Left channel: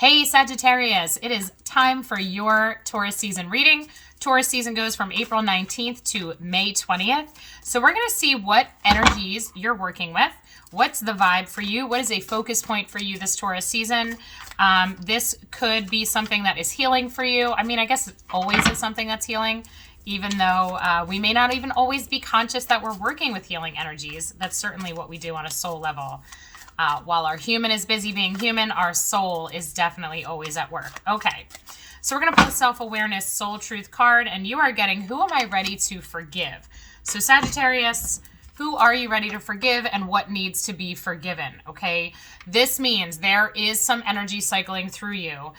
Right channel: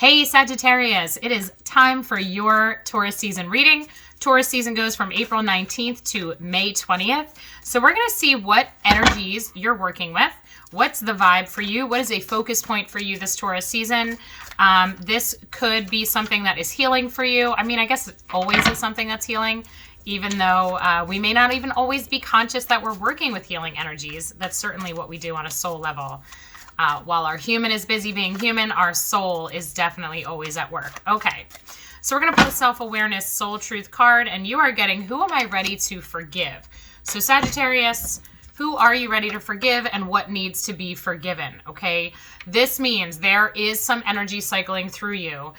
Hey Sagittarius, it is time for your Taurus season reading. Taurus season goes from April 19th to May 20th. So we're going to see what energies you're working with. What's the vibe for you? What is a focus point for you this Taurus season? This could be something that is healing for you. I mean, I guess it always is something that's healing, even though we may not even always be conscious that we're working with healing energies. That's certainly what we do on a soul level. While our human is busy being human, our soul is definitely always at work. Okay, so we're going to pull the self-awareness soul truth card, and you are getting, who am I ready to forgive? So Sagittarius, who are you ready to forgive and what needs to be forgiven? Okay, this means there is some energy cycling through you.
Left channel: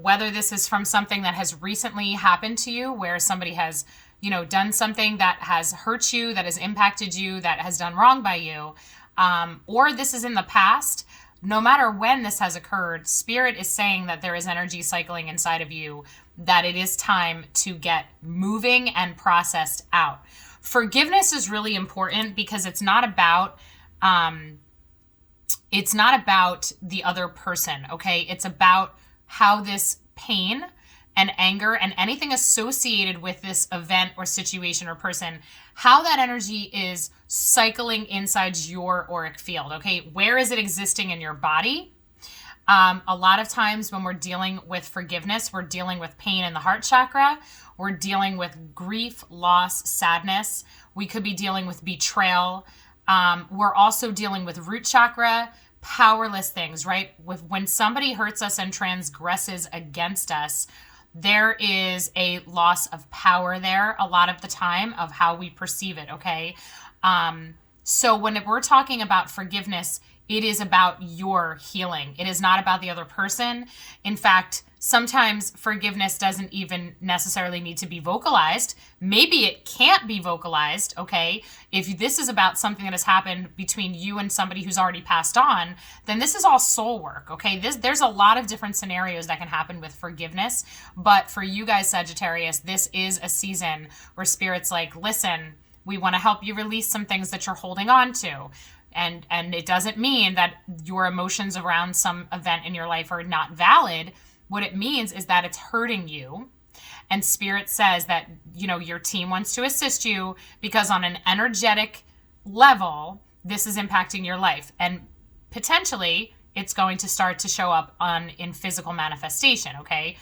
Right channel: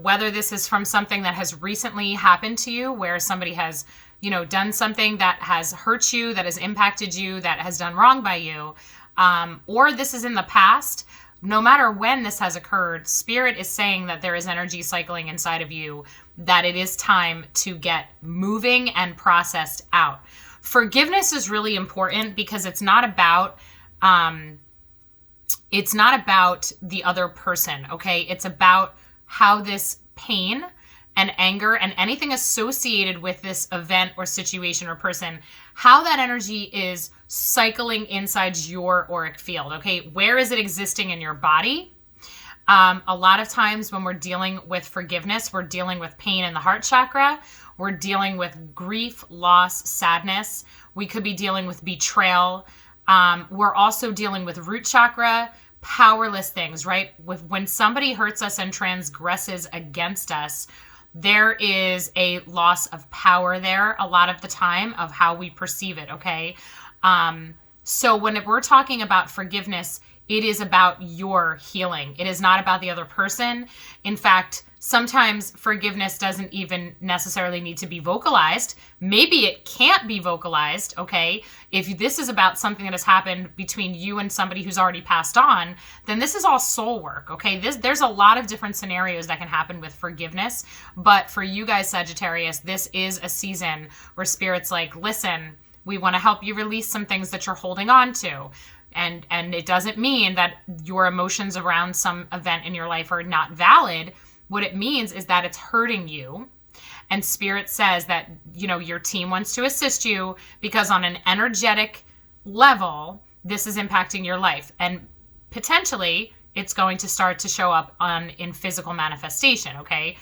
Whether this is from something that has recently happened to you, where somebody has, done something that has hurt you, that has impacted you, that has done wrong by you, or this is in the past. No matter when this has occurred, Spirit is saying that there is energy cycling inside of you, that it is time to get moving and processed out. Forgiveness is really important because it's not about the other person, okay? It's about how this pain and anger and anything associated with this event or situation or person, how that energy is cycling inside your auric field, okay? Where is it existing in your body? A lot of times when we're dealing with forgiveness, we're dealing with pain in the heart chakra. We're dealing with grief, loss, sadness. We could be dealing with betrayal. We're also dealing with root chakra, powerless things, right? When somebody hurts us and transgresses against us, there is a loss of power there a lot of the time of how we perceive it, okay? So when we're talking about forgiveness, it is about your healing. It is not about the other person. In fact, sometimes forgiveness doesn't even necessarily need to be vocalized. Maybe it can't be vocalized, okay? If this is about something that has happened between you and somebody who's already passed on, then this is all soul work, okay? There's a lot of different scenarios that can happen with forgiveness. But for you guys, Sagittarius, this is a season where Spirit's like, listen, we want to help you release some things that you're holding on to. And it doesn't mean that your emotions around some event in your life are not valid. What it means is that it's hurting you. And Spirit says that, your team wants to assist you because on an energetic level, this is impacting your life. And potentially it's going to start to show up in physical manifestation, okay?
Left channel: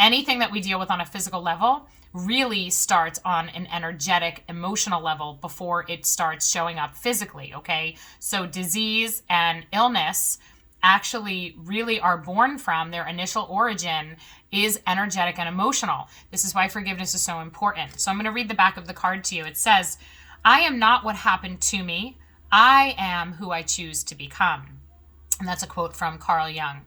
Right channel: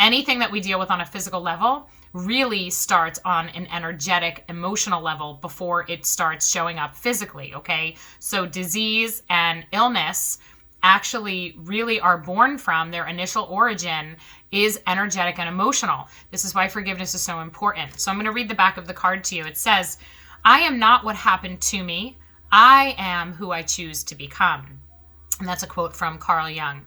Anything that we deal with on a physical level really starts on an energetic, emotional level before it starts showing up physically, okay? So disease and illness actually really are born from their initial origin is energetic and emotional. This is why forgiveness is so important. So I'm going to read the back of the card to you. It says, I am not what happened to me. I am who I choose to become. And that's a quote from Carl Jung.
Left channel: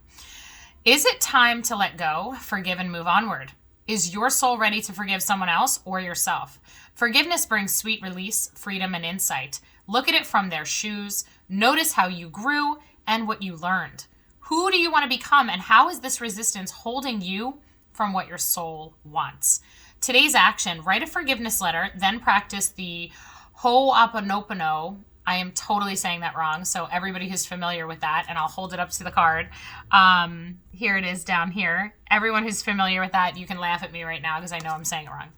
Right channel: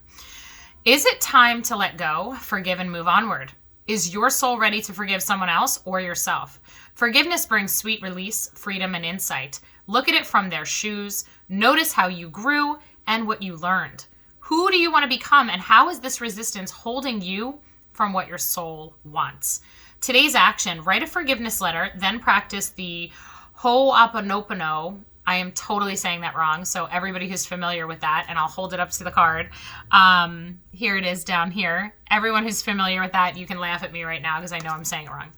Is it time to let go, forgive, and move onward? Is your soul ready to forgive someone else or yourself? Forgiveness brings sweet release, freedom, and insight. Look at it from their shoes. Notice how you grew and what you learned. Who do you want to become, and how is this resistance holding you from what your soul wants? Today's action, write a forgiveness letter, then practice the Ho'oponopono. I am totally saying that wrong, so everybody who's familiar with that, and I'll hold it up to the card. Here it is down here. Everyone who's familiar with that, you can laugh at me right now because I know I'm saying it wrong.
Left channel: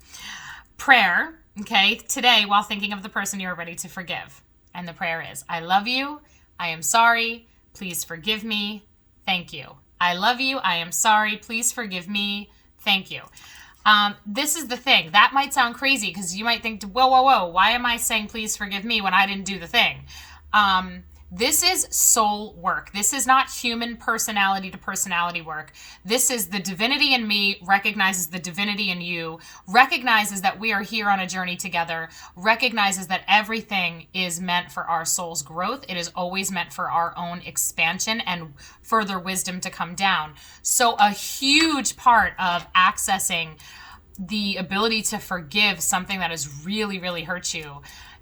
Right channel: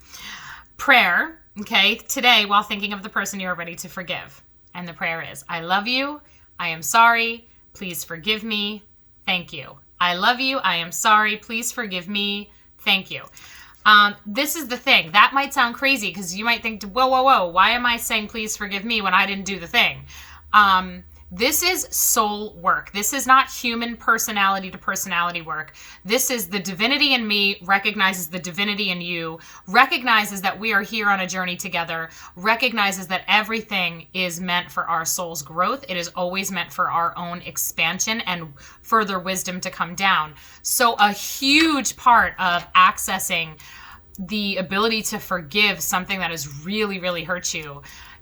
Prayer, okay, today while thinking of the person you are ready to forgive. And the prayer is, I love you, I am sorry, please forgive me, thank you. I love you, I am sorry, please forgive me, thank you. This is the thing. That might sound crazy because you might think, whoa, why am I saying please forgive me when I didn't do the thing? This is soul work. This is not human personality to personality work. This is the divinity in me recognizes the divinity in you, recognizes that we are here on a journey together, recognizes that everything is meant for our soul's growth. It is always meant for our own expansion and further wisdom to come down. So a huge part of accessing the ability to forgive something that has really, really hurt you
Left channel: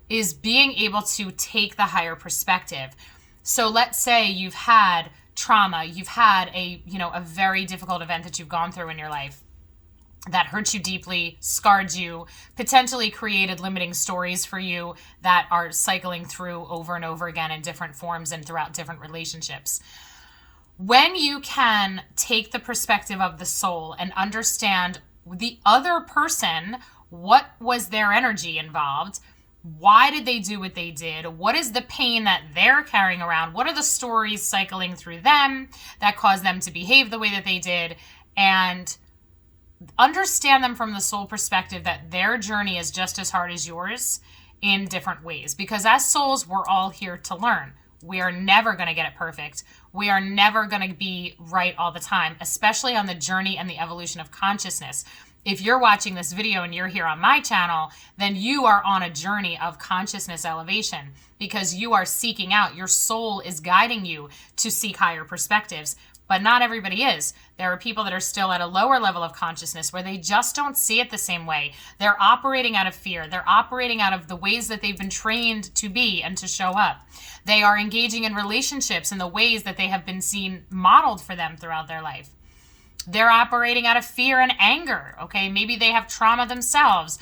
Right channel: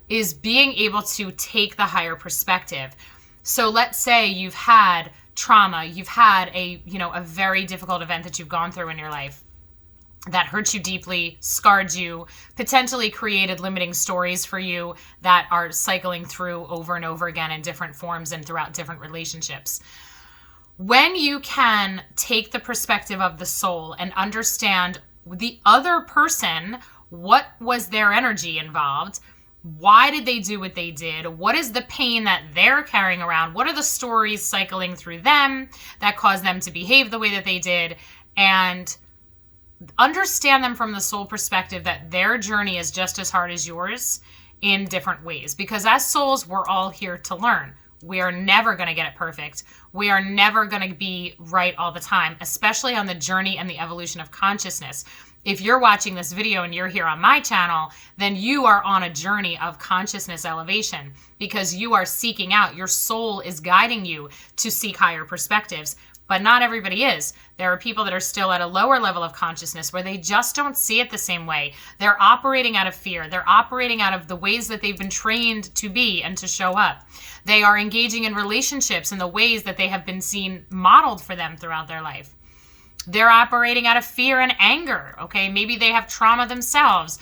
is being able to take the higher perspective. So let's say you've had trauma, you've had a very difficult event that you've gone through in your life that hurt you deeply, scarred you, potentially created limiting stories for you that are cycling through over and over again in different forms and throughout different relationships. When you can take the perspective of the soul and understand the other person, what was their energy involved? Why did they do what they did? What is the pain that they're carrying around? What are the stories cycling through them that caused them to behave the way that they did? And understand them from the soul perspective that their journey is just as hard as yours in different ways. Because as souls, we're all here to learn. We are never going to get it perfect. We are never going to be right all the time, especially on the journey and the evolution of consciousness. If you're watching this video and you're here on my channel, then you are on a journey of consciousness elevation because you are seeking out. Your soul is guiding you to seek higher perspectives, but not everybody is. There are people that are still at a lower level of consciousness where they just don't see it the same way. They're operating out of fear. They're operating out of the ways that they've been trained to be and to show up. They are engaging in relationships in the ways that they have been seen modeled for them throughout their life. They're operating out of fear and anger, okay? Maybe they have trauma themselves.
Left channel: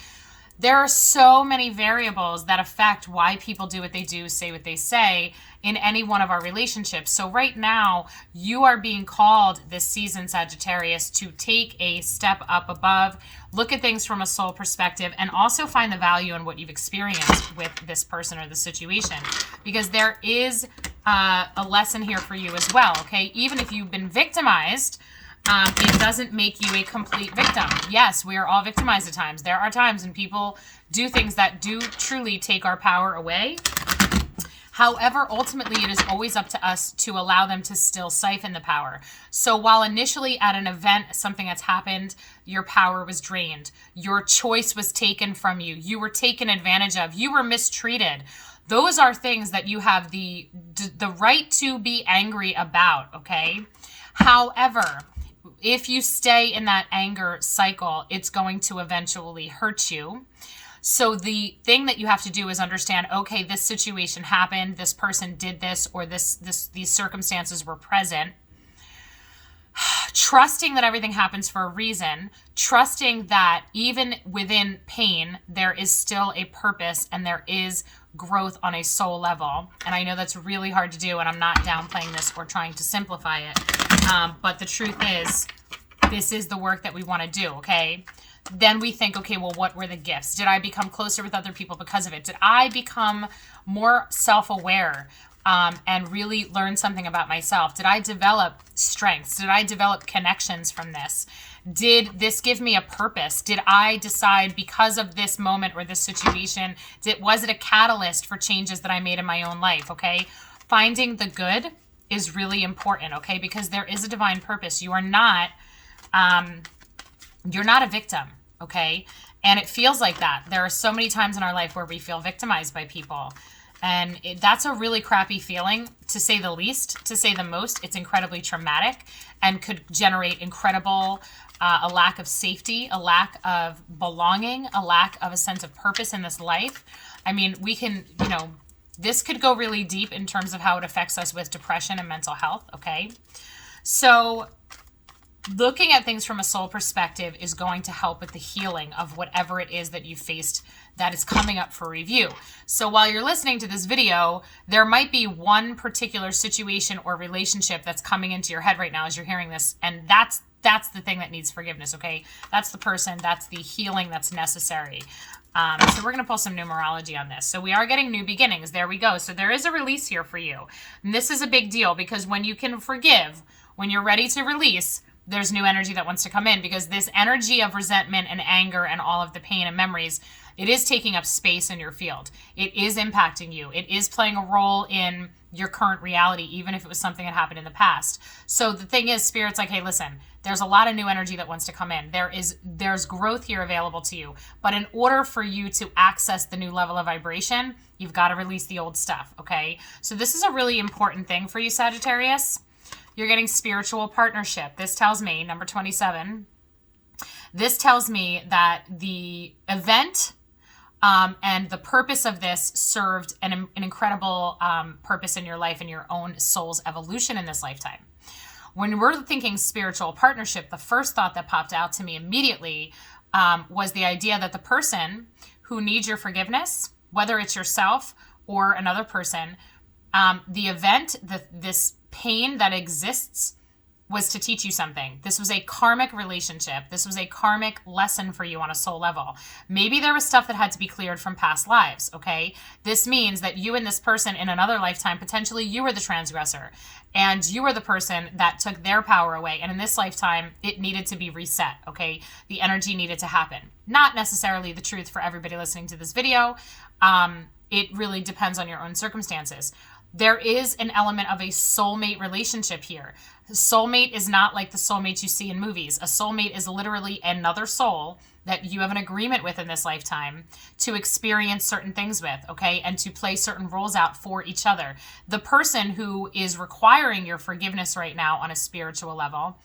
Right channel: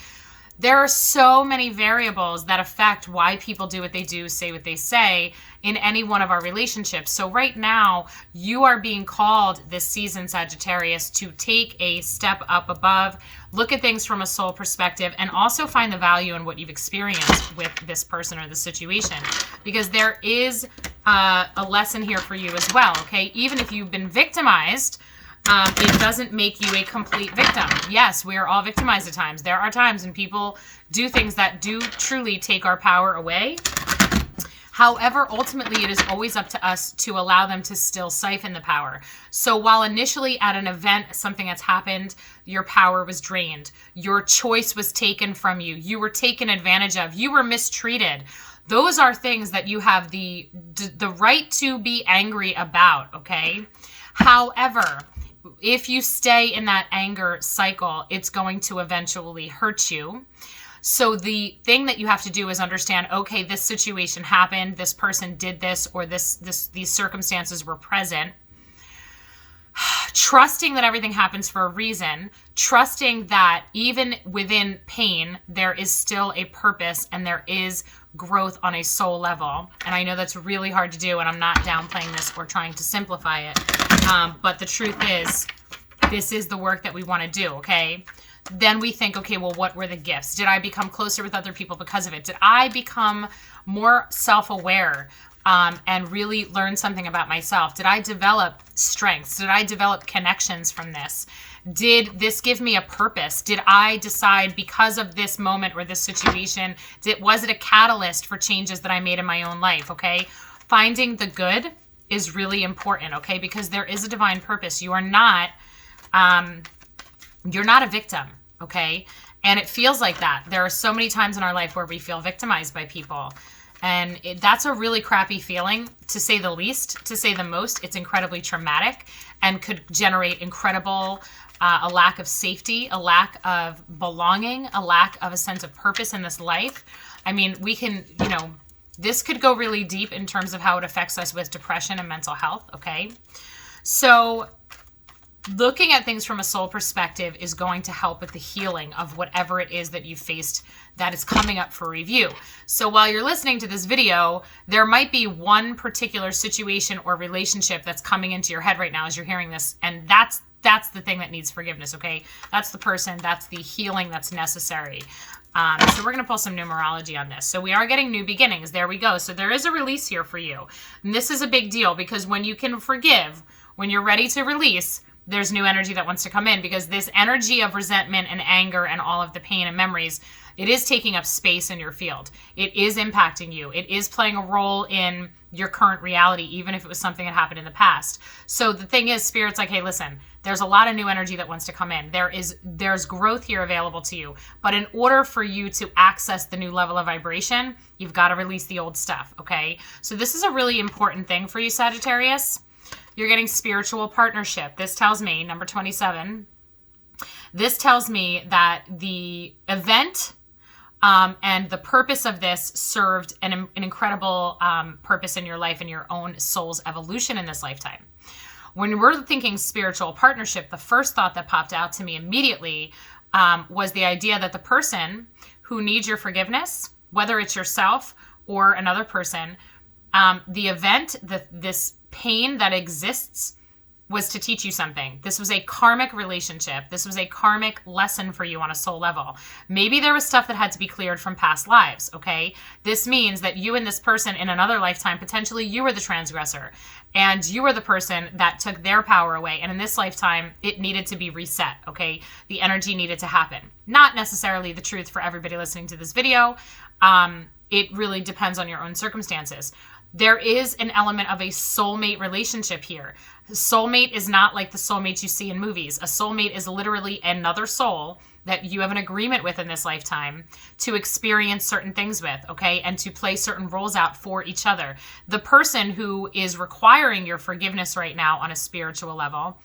There are so many variables that affect why people do what they do, say what they say in any one of our relationships. So right now, you are being called this season, Sagittarius, to take a step up above, look at things from a soul perspective, and also find the value in what you've experienced with this person or the situation. Because there is a lesson here for you as well, okay? Even if you've been victimized, it doesn't make you a complete victim. Yes, we are all victimized at times. There are times when people do things that do truly take our power away. However, ultimately, it is always up to us to allow them to still siphon the power. So while initially at an event, something that's happened, your power was drained, your choice was taken from you, you were taken advantage of, you were mistreated. Those are things that you have the right to be angry about, okay? However, if you stay in that anger cycle, it's going to eventually hurt you. So the thing that you have to do is understand, okay, this situation happened, this person did this, or these circumstances were present. Trusting that everything happens for a reason, trusting that even within pain, there is still a purpose and there is growth on a soul level. And I know that's really hard to do, and I'm not downplaying this or trying to simplify it. But the truth is, this is the work that we want to do, okay? Then we think, okay, well, what were the gifts? Did I become closer with other people because of it? Did I become more self-aware and really learn something about myself? Did I develop strengths? Did I develop connections from this? Did this give me a purpose? Did I decide because of this moment or this situation, was it a catalyst for changes that I made in my own life, okay? Finding the good is really important, okay? Because there is a divine purpose. You are not a victim, okay? And it feels like that. There are so many times in our life where we feel victimized by people. And that's a really crappy feeling, to say the least, to say the most. It's incredibly traumatic and could generate incredible, a lack of safety, a lack of belonging, a lack of a sense of purpose in this life. I mean, we can, this could go really deep in terms of how it affects us with depression and mental health, okay? So looking at things from a soul perspective is going to help with the healing of whatever it is that you faced that is coming up for review. So while you're listening to this video, there might be one particular situation or relationship that's coming into your head right now as you're hearing this, and that's the thing that needs forgiveness, okay? That's the person, that's the healing that's necessary. So we're going to pull some numerology on this. So we are getting new beginnings. There we go. So there is a release here for you. And this is a big deal because when you can forgive, when you're ready to release, there's new energy that wants to come in, because this energy of resentment and anger and all of the pain and memories, it is taking up space in your field. It is impacting you. It is playing a role in your current reality, even if it was something that happened in the past. So the thing is, Spirit's like, hey, listen, there's a lot of new energy that wants to come in. There's growth here available to you. But in order for you to access the new level of vibration, you've got to release the old stuff, okay? So this is a really important thing for you, Sagittarius. You're getting spiritual partnership. This tells me, number 27, this tells me that the event and the purpose of this served an incredible purpose in your life and your own soul's evolution in this lifetime. When we're thinking spiritual partnership, the first thought that popped out to me immediately was the idea that the person who needs your forgiveness, whether it's yourself or another person, The event, this pain that exists was to teach you something. This was a karmic relationship. This was a karmic lesson for you on a soul level. Maybe there was stuff that had to be cleared from past lives, okay? This means that you and this person in another lifetime, potentially you were the transgressor and you were the person that took their power away. And in this lifetime, it needed to be reset, okay? The energy needed to happen. Not necessarily the truth for everybody listening to this video. It really depends on your own circumstances. There is an element of a soulmate relationship here. Soulmate is not like the soulmates you see in movies. A soulmate is literally another soul that you have an agreement with in this lifetime to experience certain things with, okay? And to play certain roles out for each other. The person who is requiring your forgiveness right now on a spiritual level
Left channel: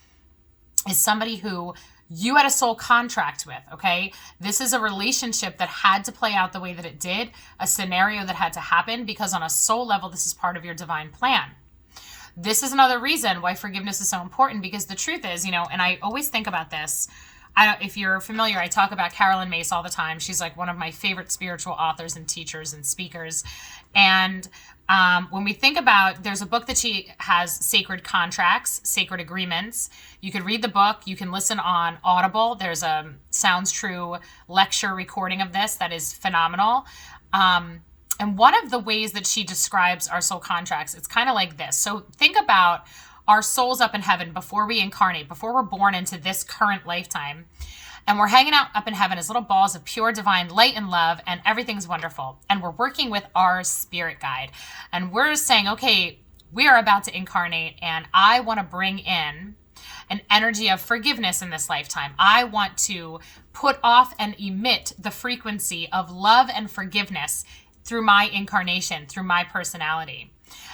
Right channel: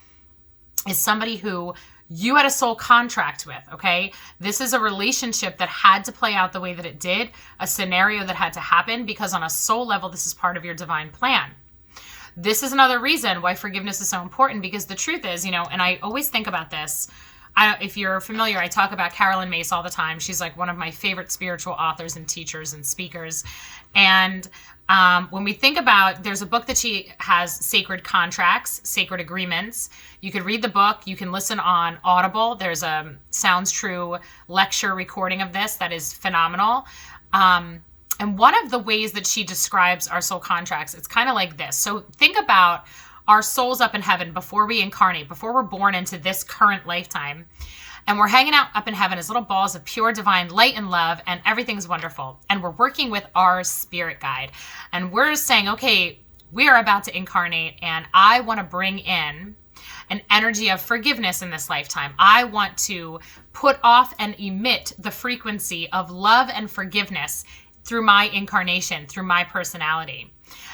is somebody who you had a soul contract with, okay? This is a relationship that had to play out the way that it did, a scenario that had to happen, because on a soul level, this is part of your divine plan. This is another reason why forgiveness is so important, because the truth is, and I always think about this. If you're familiar, I talk about Carolyn Mace all the time. She's like one of my favorite spiritual authors and teachers and speakers. And when we think about, there's a book that she has, Sacred Contracts, Sacred Agreements. You could read the book. You can listen on Audible. There's a Sounds True lecture recording of this that is phenomenal. And one of the ways that she describes our soul contracts, it's kind of like this. So think about our souls up in heaven before we incarnate, before we're born into this current lifetime. And we're hanging out up in heaven as little balls of pure divine light and love, and everything's wonderful. And we're working with our spirit guide. And we're saying, okay, we are about to incarnate, and I want to bring in an energy of forgiveness in this lifetime. I want to put off and emit the frequency of love and forgiveness through my incarnation, through my personality.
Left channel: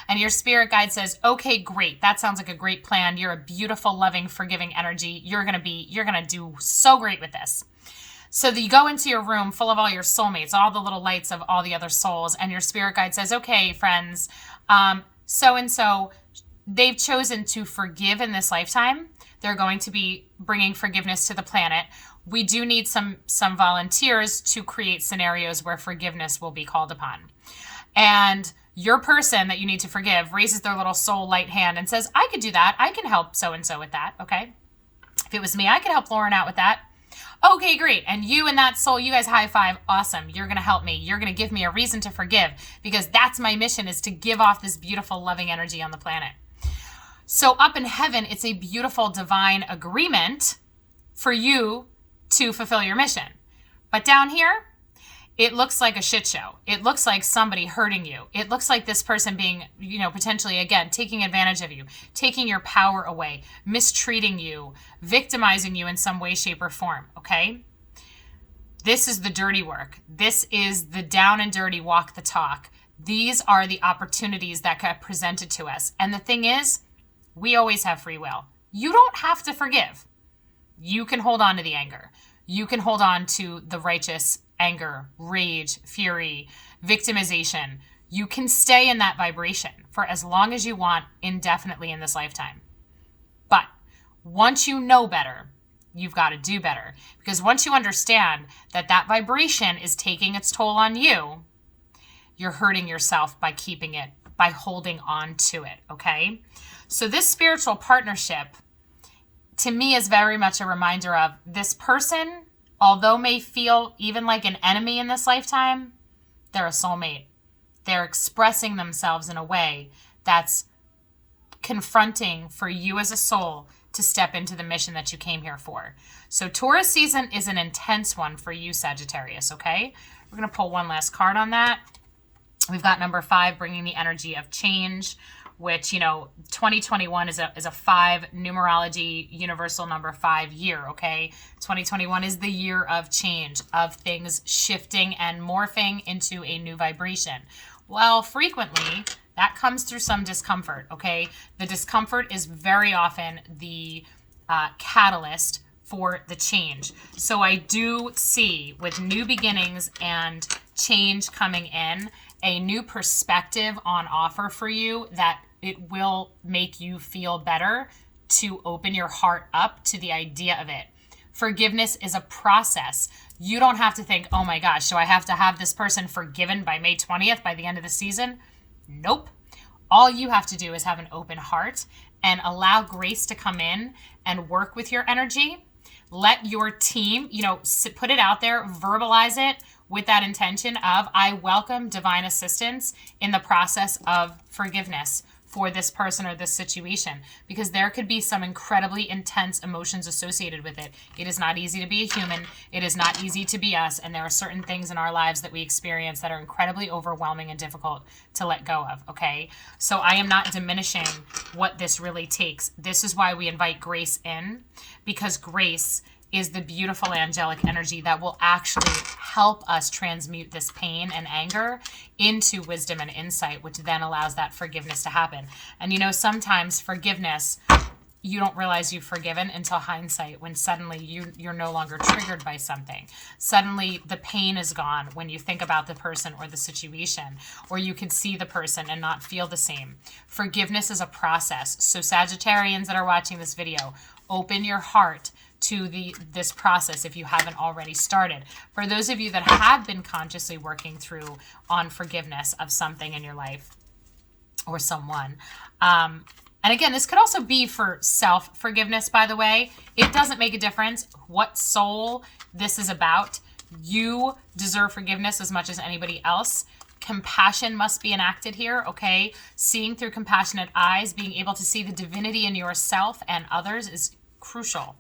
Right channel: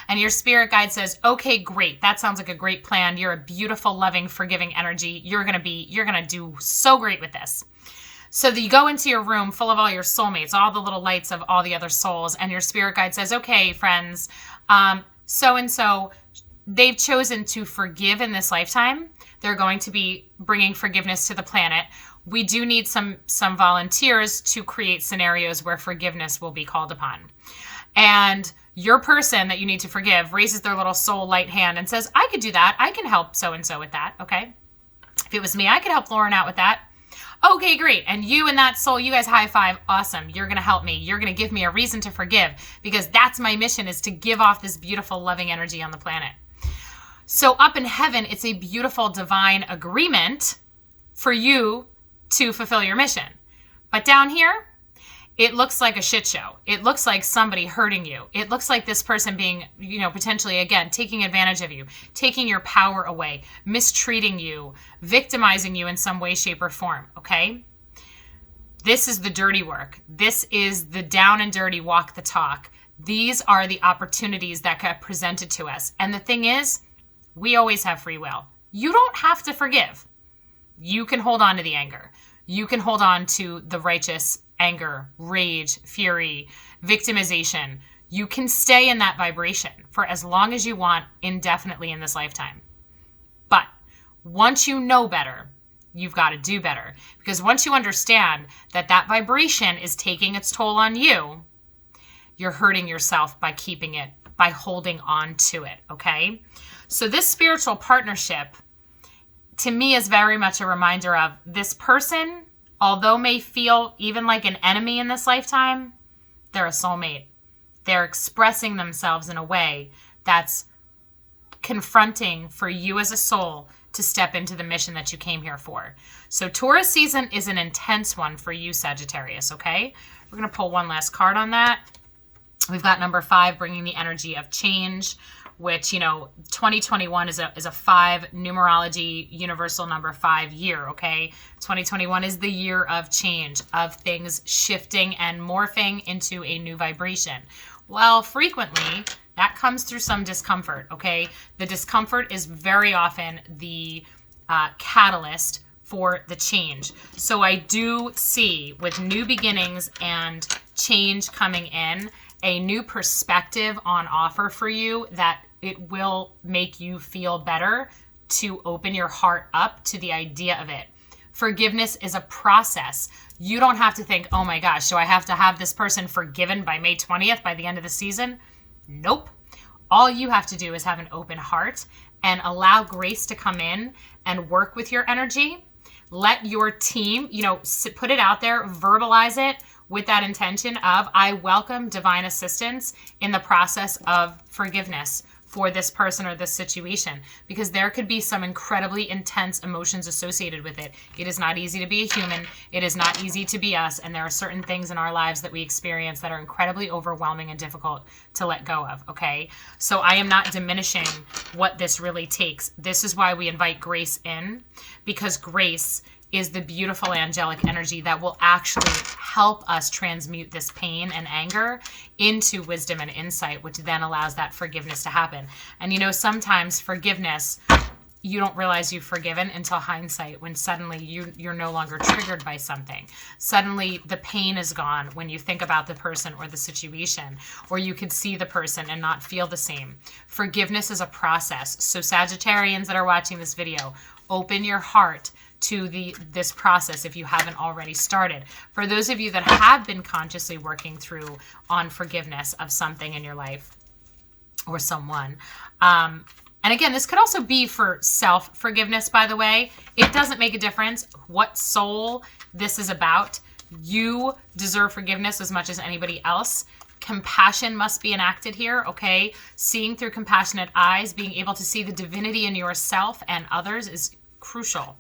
And your spirit guide says, okay, great. That sounds like a great plan. You're a beautiful, loving, forgiving energy. You're going to do so great with this. So that you go into your room full of all your soulmates, all the little lights of all the other souls. And your spirit guide says, okay, friends, so-and-so, they've chosen to forgive in this lifetime. They're going to be bringing forgiveness to the planet. We do need some volunteers to create scenarios where forgiveness will be called upon. And your person that you need to forgive raises their little soul light hand and says, I could do that. I can help so-and-so with that, okay? If it was me, I could help Lauren out with that. Okay, great. And you and that soul, you guys high five. Awesome. You're going to help me. You're going to give me a reason to forgive, because that's my mission, is to give off this beautiful, loving energy on the planet. So up in heaven, it's a beautiful divine agreement for you to fulfill your mission. But down here, it looks like a shit show. It looks like somebody hurting you. It looks like this person being, potentially, again, taking advantage of you, taking your power away, mistreating you, victimizing you in some way, shape, or form, okay? This is the dirty work. This is the down and dirty walk the talk. These are the opportunities that get presented to us. And the thing is, we always have free will. You don't have to forgive. You can hold on to the anger. You can hold on to the righteous anger, rage, fury, victimization. You can stay in that vibration for as long as you want, indefinitely in this lifetime. But once you know better, you've got to do better. Because once you understand that that vibration is taking its toll on you, you're hurting yourself by keeping it, by holding on to it, okay? So this spiritual partnership, to me, is very much a reminder of this person, although may feel even like an enemy in this lifetime, they're a soulmate. They're expressing themselves in a way that's confronting for you as a soul to step into the mission that you came here for. So Taurus season is an intense one for you, Sagittarius, okay? We're going to pull one last card on that. We've got number 5, bringing the energy of change, which, 2021 is a 5 numerology universal number 5 year, okay? 2021 is the year of change, of things shifting and morphing into a new vibration. Well, frequently, that comes through some discomfort, okay? The discomfort is very often the catalyst for the change. So I do see, with new beginnings and change coming in, a new perspective on offer for you that it will make you feel better to open your heart up to the idea of it. Forgiveness is a process. You don't have to think, oh my gosh, so I have to have this person forgiven by May 20th, by the end of the season? Nope. All you have to do is have an open heart and allow grace to come in and work with your energy. Let your team, put it out there, verbalize it with that intention of, I welcome divine assistance in the process of forgiveness for this person or this situation, because there could be some incredibly intense emotions associated with it. It is not easy to be a human. It is not easy to be us. And there are certain things in our lives that we experience that are incredibly overwhelming and difficult to let go of. Okay. So I am not diminishing what this really takes. This is why we invite grace in, because grace is the beautiful angelic energy that will actually help us transmute this pain and anger into wisdom and insight, which then allows that forgiveness to happen. And sometimes forgiveness, you don't realize you've forgiven until hindsight, when suddenly you're no longer triggered by something. Suddenly the pain is gone when you think about the person or the situation, or you can see the person and not feel the same. Forgiveness is a process. So Sagittarians that are watching this video, open your heart to this process if you haven't already started. For those of you that have been consciously working through on forgiveness of something in your life or someone, and again, this could also be for self-forgiveness, by the way. It doesn't make a difference what soul this is about. You deserve forgiveness as much as anybody else. Compassion must be enacted here, okay? Seeing through compassionate eyes, being able to see the divinity in yourself and others is crucial,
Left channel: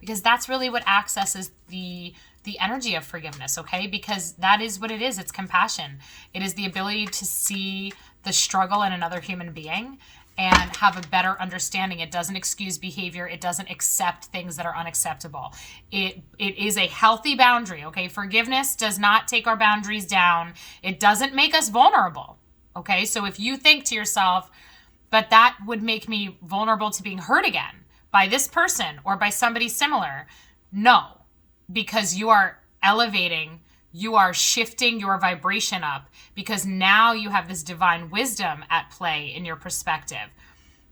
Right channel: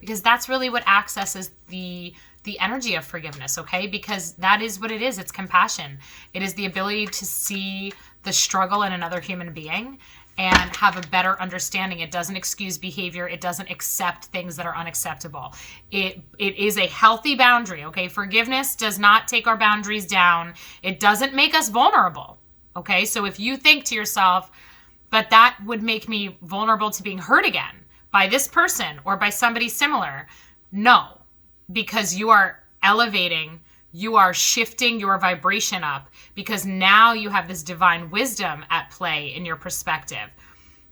because that's really what accesses the energy of forgiveness, okay? Because that is what it is. It's compassion. It is the ability to see the struggle in another human being and have a better understanding. It doesn't excuse behavior. It doesn't accept things that are unacceptable. It is a healthy boundary, okay? Forgiveness does not take our boundaries down. It doesn't make us vulnerable, okay? So if you think to yourself, but that would make me vulnerable to being hurt again by this person or by somebody similar, no, because you are elevating, you are shifting your vibration up, because now you have this divine wisdom at play in your perspective.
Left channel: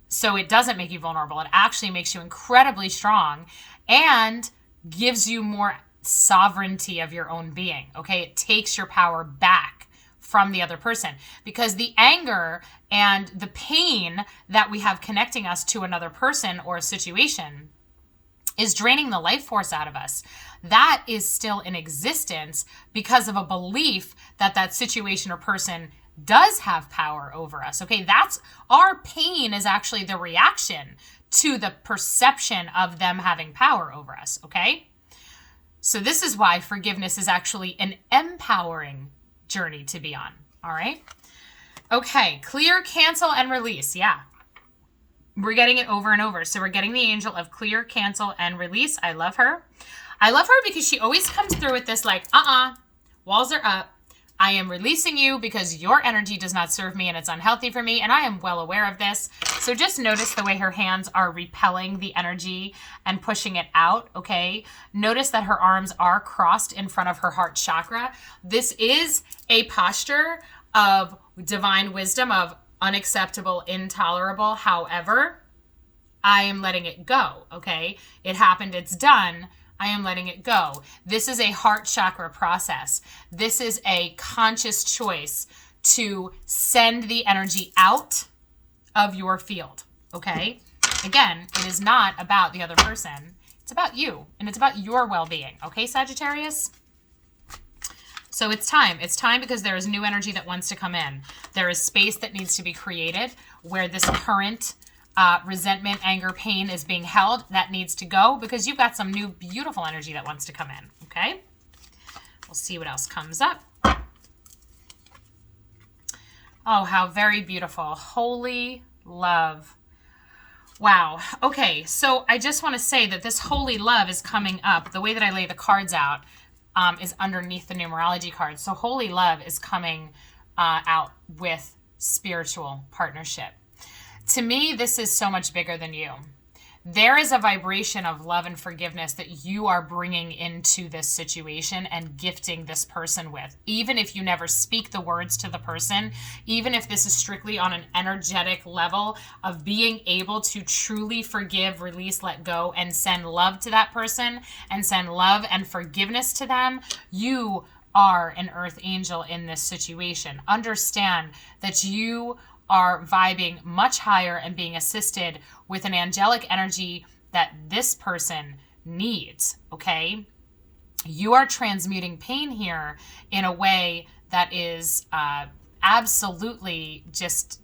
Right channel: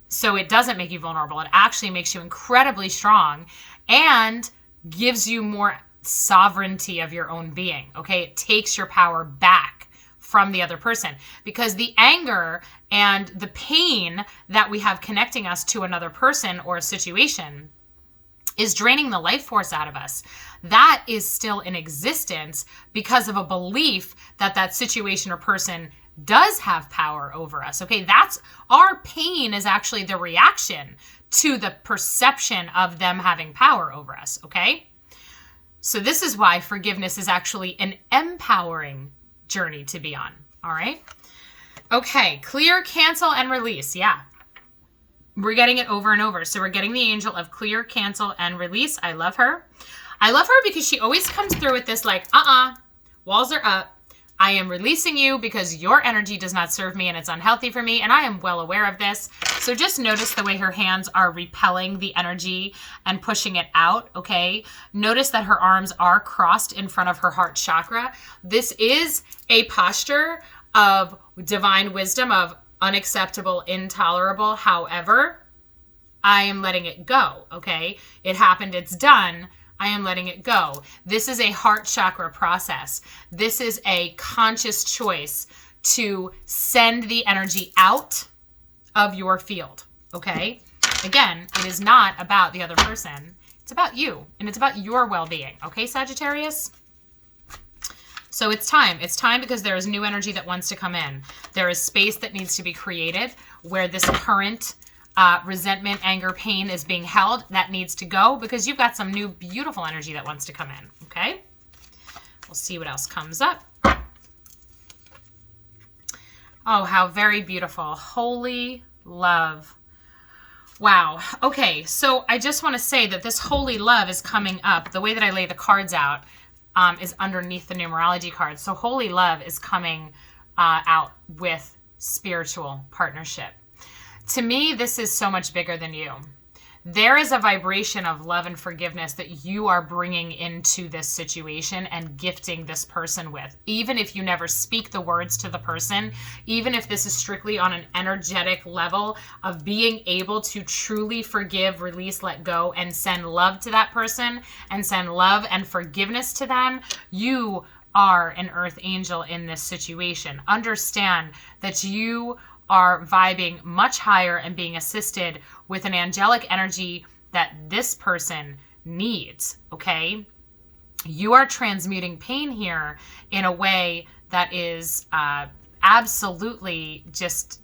So it doesn't make you vulnerable. It actually makes you incredibly strong and gives you more sovereignty of your own being. Okay. It takes your power back from the other person, because the anger and the pain that we have connecting us to another person or a situation is draining the life force out of us. That is still in existence because of a belief that that situation or person does have power over us. Okay, that's our pain is actually the reaction to the perception of them having power over us. Okay, so this is why forgiveness is actually an empowering journey to be on. All right. Okay, clear, cancel, and release. Yeah. We're getting it over and over. So we're getting the angel of clear, cancel, and release. I love her. I love her because she always comes through with this like, walls are up. I am releasing you because your energy does not serve me and it's unhealthy for me. And I am well aware of this. So just notice the way her hands are repelling the energy and pushing it out. Okay. Notice that her arms are crossed in front of her heart chakra. This is a posture of divine wisdom, of unacceptable, intolerable. However, I am letting it go. Okay. It happened. It's done. I am letting it go. This is a heart chakra process. This is a conscious choice to send the energy out of your field. Okay. Again, it is not about the other person. It's about you, and it's about your well-being. Okay, Sagittarius? So it's time. It's time because there is new energy that wants to come in. There is space that needs to be created where this current resentment, anger, pain is being held. That needs to go because you've got some new beautiful energy that wants to come in. Okay. We'll see what else comes up. Oh, how very beautiful. Holy love. Wow. Okay. So I just want to say that this holy love is coming up. The way that I lay the cards out is underneath the numerology cards. So holy love is coming out with spiritual partnership. To me, this is so much bigger than you. There is a vibration of love and forgiveness that you are bringing into this situation and gifting this person with. Even if you never speak the words to the person, even if this is strictly on an energetic level of being able to truly forgive, release, let go, and send love to that person and send love and forgiveness to them, you are an earth angel in this situation. Understand that you are vibing much higher and being assisted with an angelic energy that this person needs, okay? You are transmuting pain here in a way that is absolutely just,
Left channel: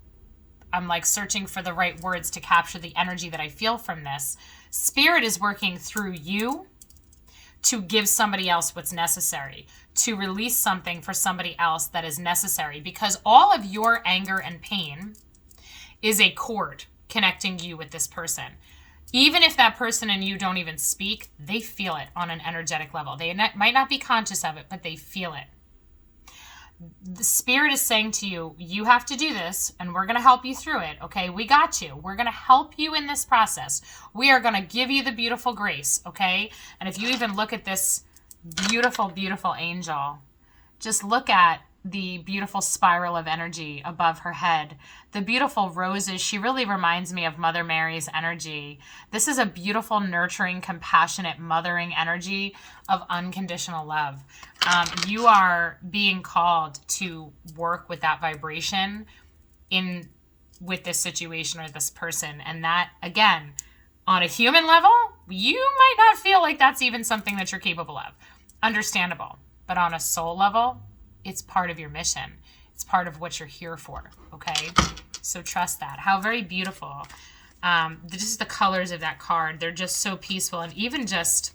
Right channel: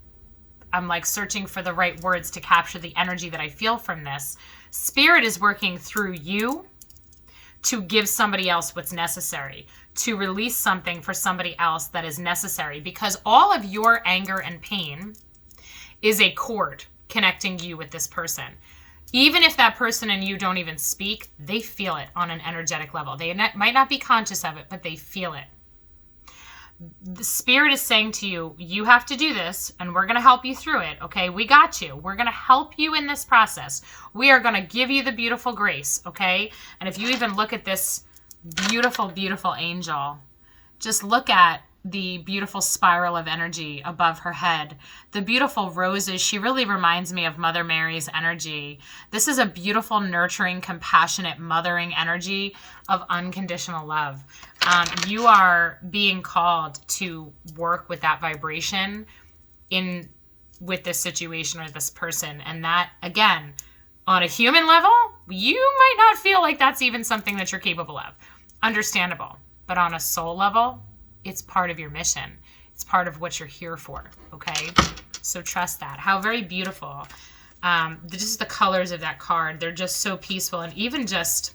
I'm like searching for the right words to capture the energy that I feel from this. Spirit is working through you to give somebody else what's necessary, to release something for somebody else that is necessary, because all of your anger and pain is a cord connecting you with this person. Even if that person and you don't even speak, they feel it on an energetic level. They might not be conscious of it, but they feel it. The Spirit is saying to you, you have to do this, and we're going to help you through it, okay? We got you. We're going to help you in this process. We are going to give you the beautiful grace, okay? And if you even look at this beautiful, beautiful angel, just look at the beautiful spiral of energy above her head. The beautiful roses, she really reminds me of Mother Mary's energy. This is a beautiful, nurturing, compassionate, mothering energy of unconditional love. You are being called to work with that vibration with this situation or this person. And that, again, on a human level, you might not feel like that's even something that you're capable of. Understandable. But on a soul level, it's part of your mission. It's part of what you're here for, okay? So trust that. How very beautiful. Just the colors of that card, they're just so peaceful. And even just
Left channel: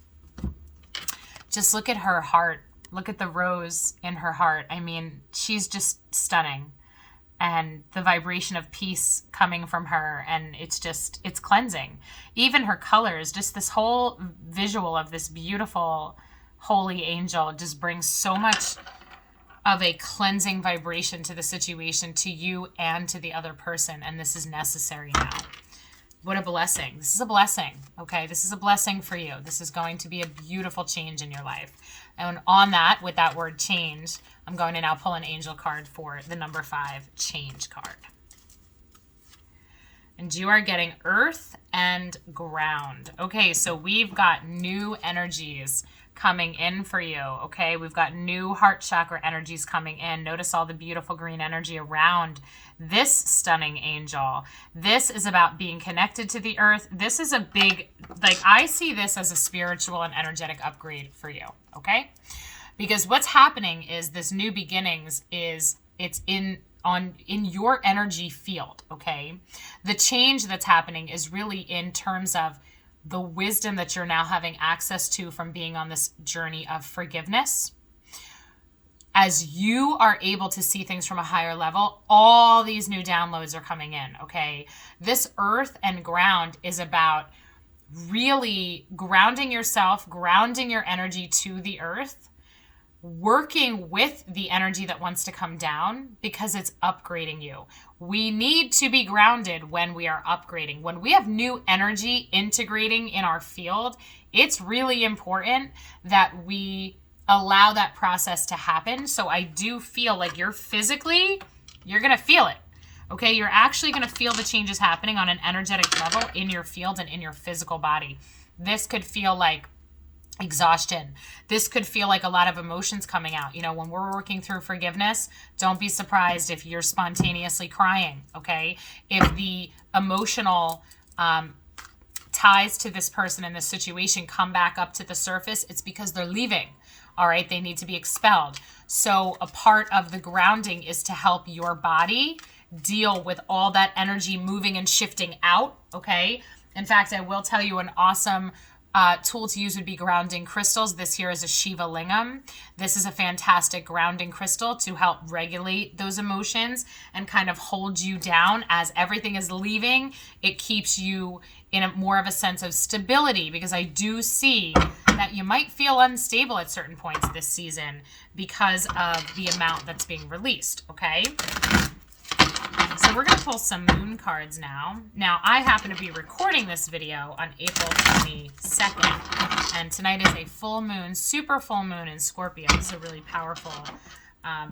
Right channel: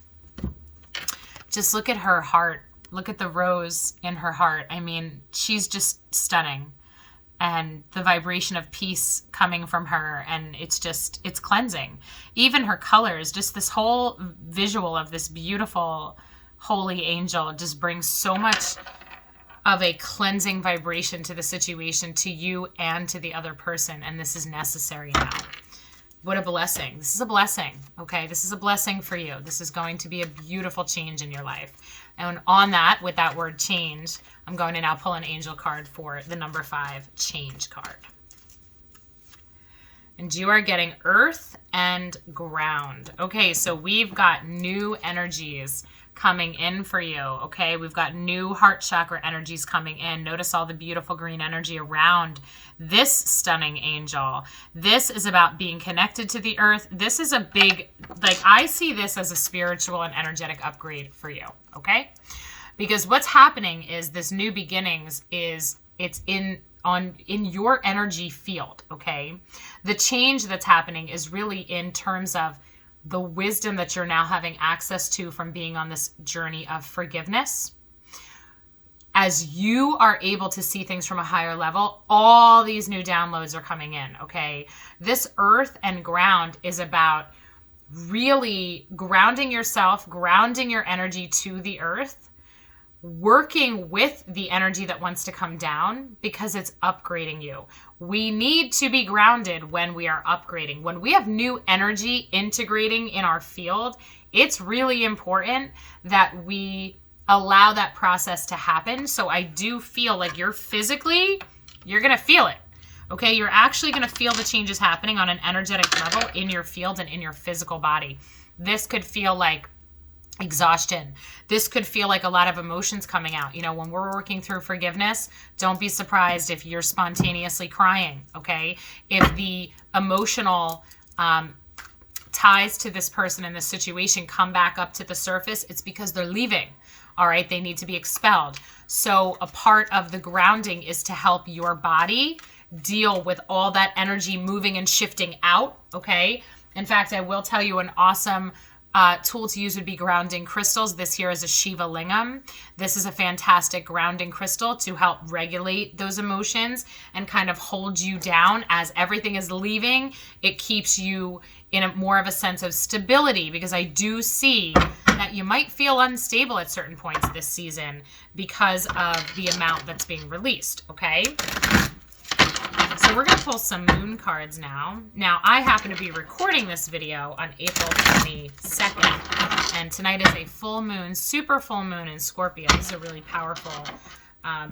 look at her heart. Look at the rose in her heart. I mean, she's just stunning. And the vibration of peace coming from her, and it's cleansing. Even her colors, just this whole visual of this beautiful, holy angel just brings so much of a cleansing vibration to the situation, to you and to the other person. And this is necessary now. What a blessing. This is a blessing, okay? This is a blessing for you. This is going to be a beautiful change in your life. And on that, with that word change, I'm going to now pull an angel card for the number 5 change card. And you are getting earth and ground. Okay, so we've got new energies coming in for you, okay? We've got new heart chakra energies coming in. Notice all the beautiful green energy around this stunning angel. This is about being connected to the earth. This is a big, like, I see this as a spiritual and energetic upgrade for you, okay? Because what's happening is this new beginnings it's in your energy field, okay? The change that's happening is really in terms of the wisdom that you're now having access to from being on this journey of forgiveness. As you are able to see things from a higher level, all these new downloads are coming in, okay? This earth and ground is about really grounding yourself, grounding your energy to the earth, working with the energy that wants to come down because it's upgrading you. We need to be grounded when we are upgrading. When we have new energy integrating in our field, it's really important that we allow that process to happen. So I do feel like you're going to feel it. Okay, you're actually going to feel the changes happening on an energetic level in your field and in your physical body. This could feel like exhaustion. This could feel like a lot of emotions coming out. You know, when we're working through forgiveness, don't be surprised if you're spontaneously crying, okay? If the emotional ties to this person in this situation come back up to the surface, it's because they're leaving, all right? They need to be expelled. So a part of the grounding is to help your body deal with all that energy moving and shifting out, okay? In fact, I will tell you an awesome tool to use would be grounding crystals. This here is a Shiva Lingam. This is a fantastic grounding crystal to help regulate those emotions and kind of hold you down as everything is leaving. It keeps you in more of a sense of stability, because I do see that you might feel unstable at certain points this season because of the amount that's being released, okay? So we're going to pull some moon cards now. Now, I happen to be recording this video on April 22nd, and tonight is a full moon, super full moon in Scorpio. This is a really powerful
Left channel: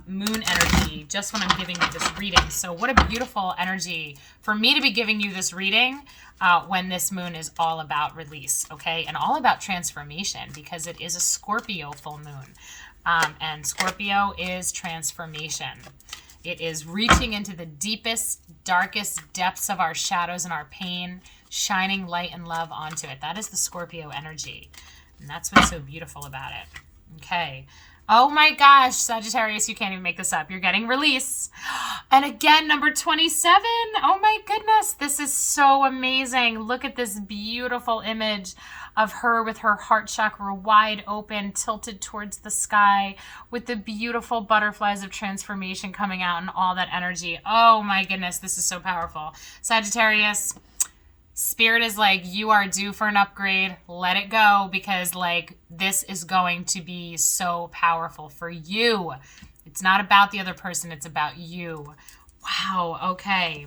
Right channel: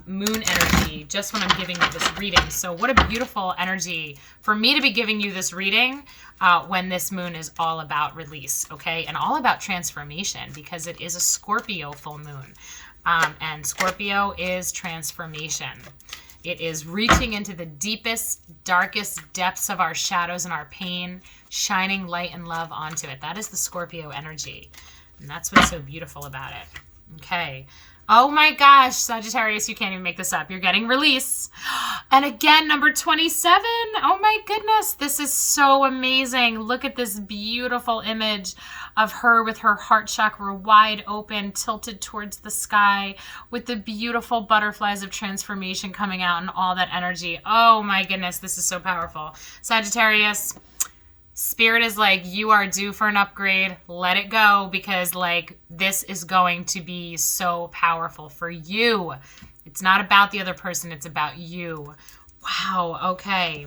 moon energy just when I'm giving you this reading. So what a beautiful energy for me to be giving you this reading when this moon is all about release, okay? And all about transformation, because it is a Scorpio full moon. And Scorpio is transformation. It is reaching into the deepest, darkest depths of our shadows and our pain, shining light and love onto it. That is the Scorpio energy. And that's what's so beautiful about it. Okay. Oh my gosh, Sagittarius, you can't even make this up. You're getting release. And again, number 27. Oh my goodness, this is so amazing. Look at this beautiful image of her with her heart chakra wide open, tilted towards the sky, with the beautiful butterflies of transformation coming out and all that energy. Oh my goodness, this is so powerful. Sagittarius, Spirit is like, you are due for an upgrade. Let it go, because like this is going to be so powerful for you. It's not about the other person. It's about you. Wow. Okay.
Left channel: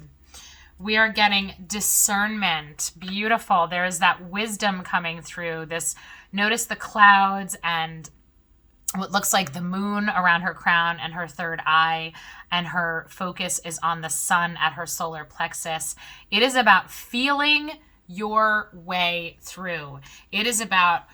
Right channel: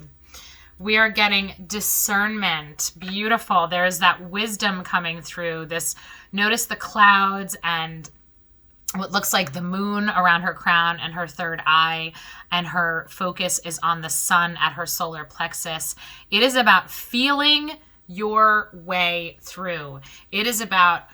We are getting discernment. Beautiful. There's that wisdom coming through this. Notice the clouds and what looks like the moon around her crown and her third eye, and her focus is on the sun at her solar plexus. It is about feeling your way through. It is about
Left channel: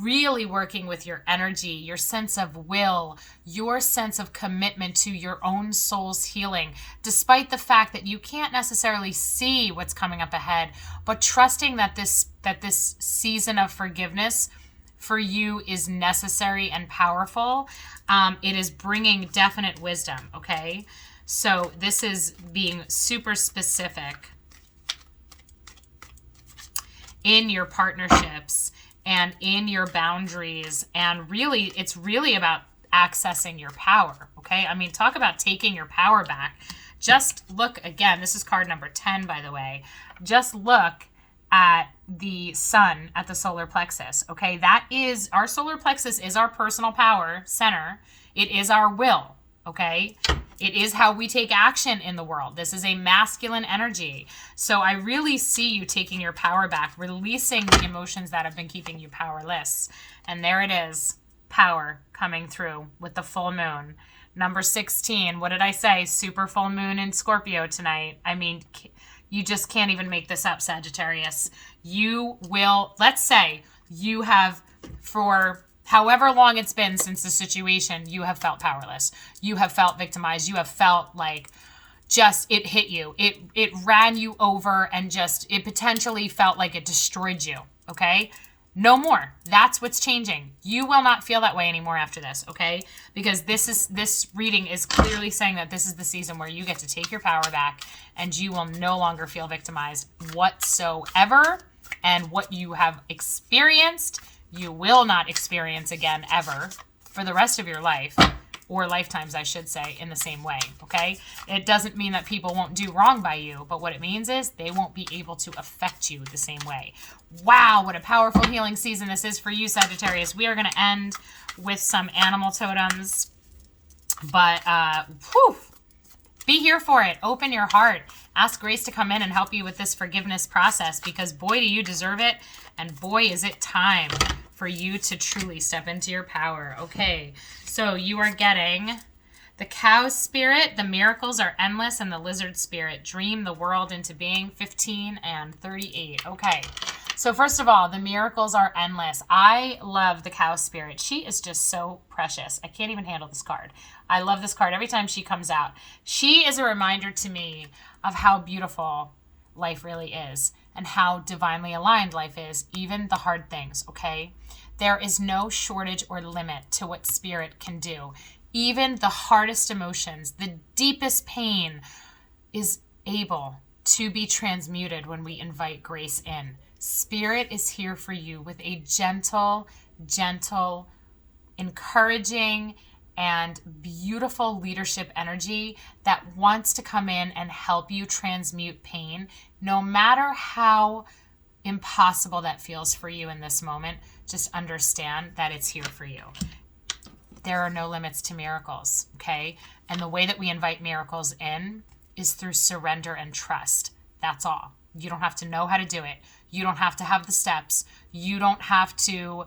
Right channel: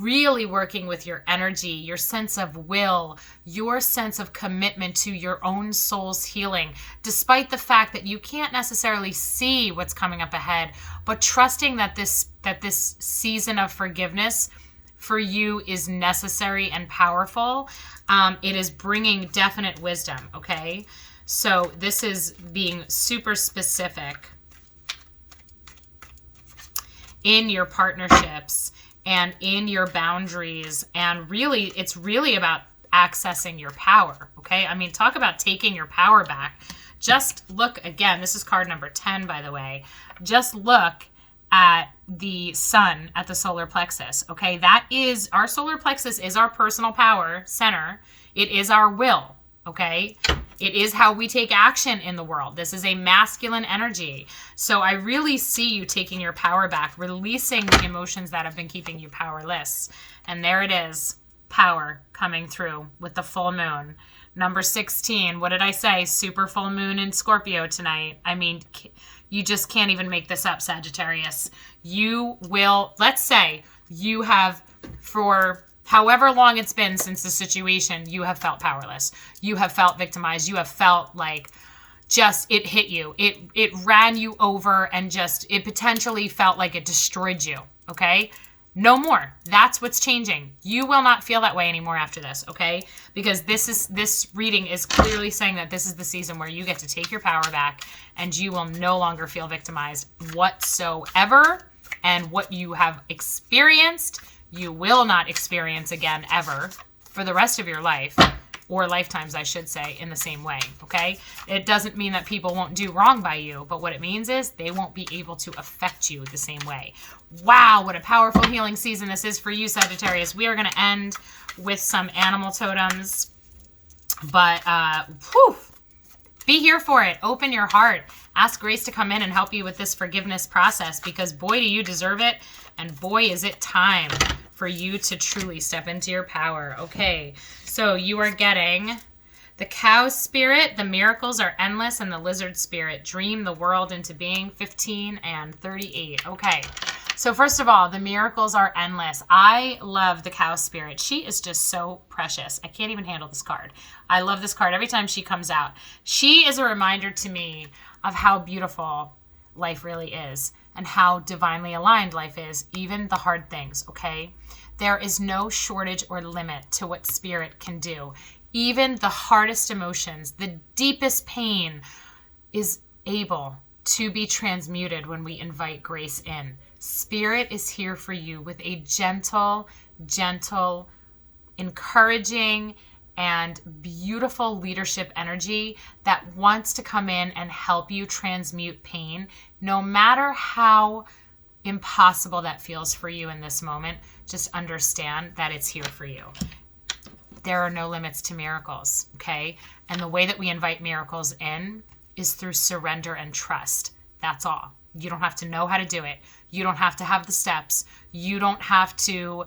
really working with your energy, your sense of will, your sense of commitment to your own soul's healing, despite the fact that you can't necessarily see what's coming up ahead, but trusting that this season of forgiveness for you is necessary and powerful. It is bringing definite wisdom, okay? So this is being super specific in your partnerships and in your boundaries. And really, it's really about accessing your power, okay? I mean, talk about taking your power back. Just look, again, this is card number 10, by the way. Just look at the sun at the solar plexus, okay? That is, our solar plexus is our personal power center. It is our will, okay? It is how we take action in the world. This is a masculine energy. So I really see you taking your power back, releasing the emotions that have been keeping you powerless. And there it is, power coming through with the full moon. Number 16, what did I say? Super full moon in Scorpio tonight. I mean, you just can't even make this up, Sagittarius. You will, let's say you have, for however long it's been since the situation, you have felt powerless. You have felt victimized. You have felt like just it hit you. It ran you over, and just it potentially felt like it destroyed you, okay? No more. That's what's changing. You will not feel that way anymore after this, okay? Because this reading is clearly saying that this is the season where you get to take your power back, and you will no longer feel victimized whatsoever. And what you have experienced, you will not experience again ever for the rest of your life, or lifetimes, I should say, in the same way, okay? It doesn't mean that people won't do wrong by you, but what it means is they won't be able to affect you the same way. Wow, what a powerful healing season this is for you, Sagittarius. We are going to end with some animal totems, but be here for it. Open your heart. Ask Grace to come in and help you with this forgiveness process, because boy, do you deserve it, and boy, is it time for you to truly step into your power. Okay, so you are getting the cow spirit, the miracles are endless, and the lizard spirit, dream the world into being, 15 and 38. Okay, so first of all, the miracles are endless. I love the cow spirit. She is just so precious. I can't even handle this card. I love this card every time she comes out. She is a reminder to me of how beautiful life really is, and how divinely aligned life is, even the hard things, okay? There is no shortage or limit to what spirit can do. Even the hardest emotions, the deepest pain is able to be transmuted when we invite grace in. Spirit is here for you with a gentle, encouraging, and beautiful leadership energy that wants to come in and help you transmute pain, no matter how impossible that feels for you in this moment. Just understand that it's here for you. There are no limits to miracles, okay? And the way that we invite miracles in is through surrender and trust. That's all. You don't have to know how to do it. You don't have to have the steps. You don't have to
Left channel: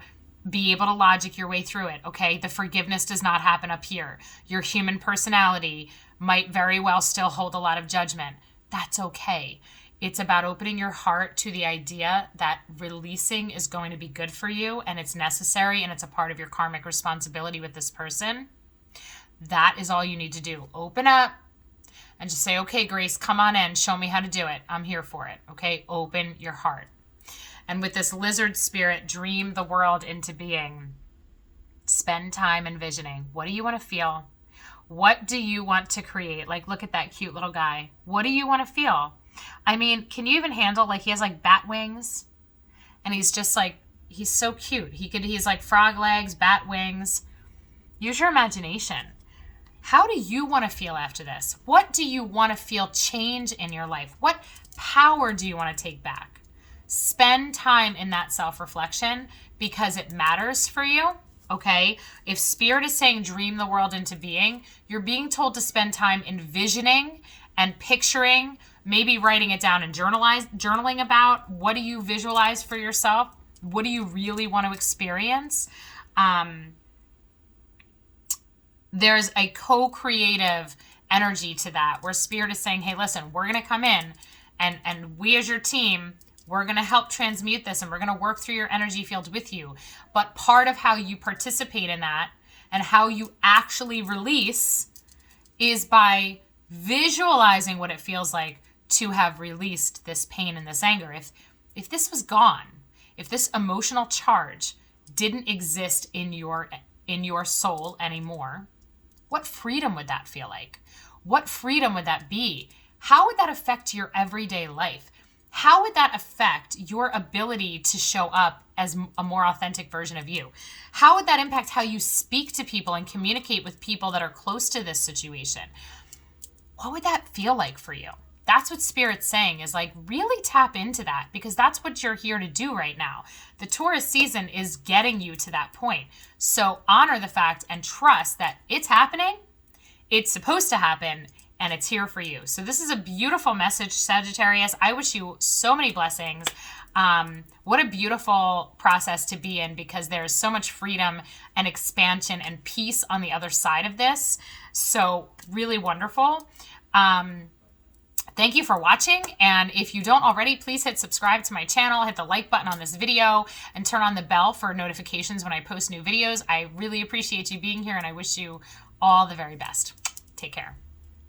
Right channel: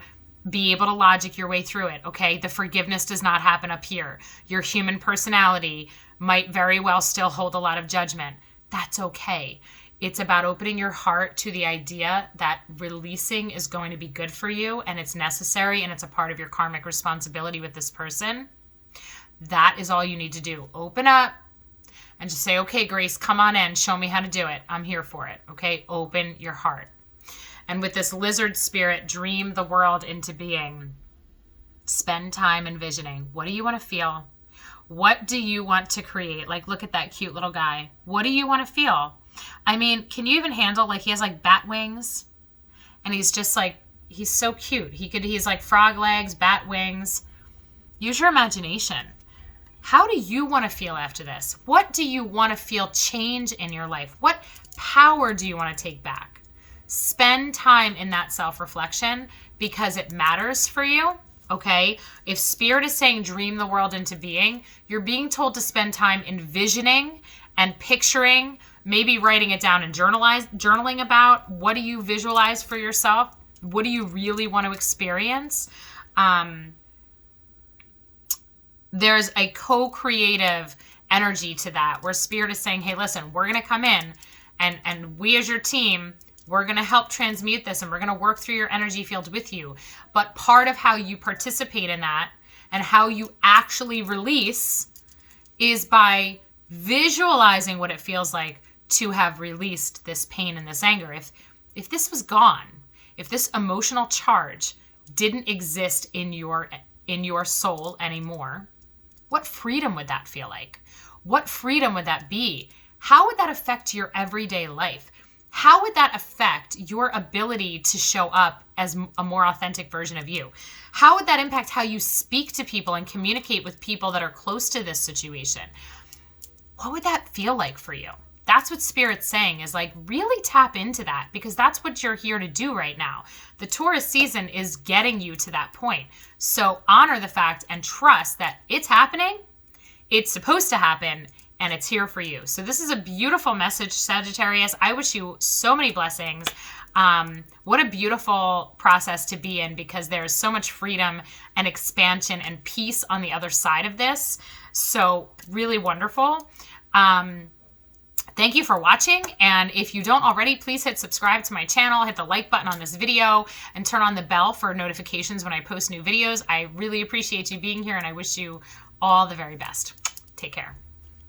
be able to logic your way through it, okay? The forgiveness does not happen up here. Your human personality might very well still hold a lot of judgment. That's okay. It's about opening your heart to the idea that releasing is going to be good for you, and it's necessary, and it's a part of your karmic responsibility with this person. That is all you need to do. Open up and just say, okay, Grace, come on in. Show me how to do it. I'm here for it. Okay. Open your heart. And with this lizard spirit, dream the world into being. Spend time envisioning. What do you want to feel? What do you want to create? Like, look at that cute little guy. What do you want to feel? I mean, can you even handle, like, he has like bat wings and he's just like, he's so cute. He's like frog legs, bat wings. Use your imagination. How do you want to feel after this? What do you want to feel change in your life? What power do you want to take back? Spend time in that self-reflection because it matters for you. Okay, if Spirit is saying dream the world into being, you're being told to spend time envisioning and picturing, maybe writing it down and journaling about what do you visualize for yourself? What do you really want to experience? There's a co-creative energy to that where Spirit is saying, hey, listen, we're going to come in and we as your team, we're going to help transmute this and we're going to work through your energy field with you. But part of how you participate in that and how you actually release is by visualizing what it feels like to have released this pain and this anger. If this was gone, if this emotional charge didn't exist in your soul anymore, what freedom would that feel like? What freedom would that be? How would that affect your everyday life? How would that affect your ability to show up as a more authentic version of you? How would that impact how you speak to people and communicate with people that are close to this situation? What would that feel like for you? That's what Spirit's saying, is like really tap into that, because that's what you're here to do right now. The Taurus season is getting you to that point. So honor the fact and trust that it's happening, it's supposed to happen, and it's here for you. So this is a beautiful message, Sagittarius. I wish you so many blessings. What a beautiful process to be in, because there's so much freedom and expansion and peace on the other side of this. So really wonderful. Thank you for watching. And if you don't already, please hit subscribe to my channel, hit the like button on this video, and turn on the bell for notifications when I post new videos. I really appreciate you being here, and I wish you all the very best. Take care.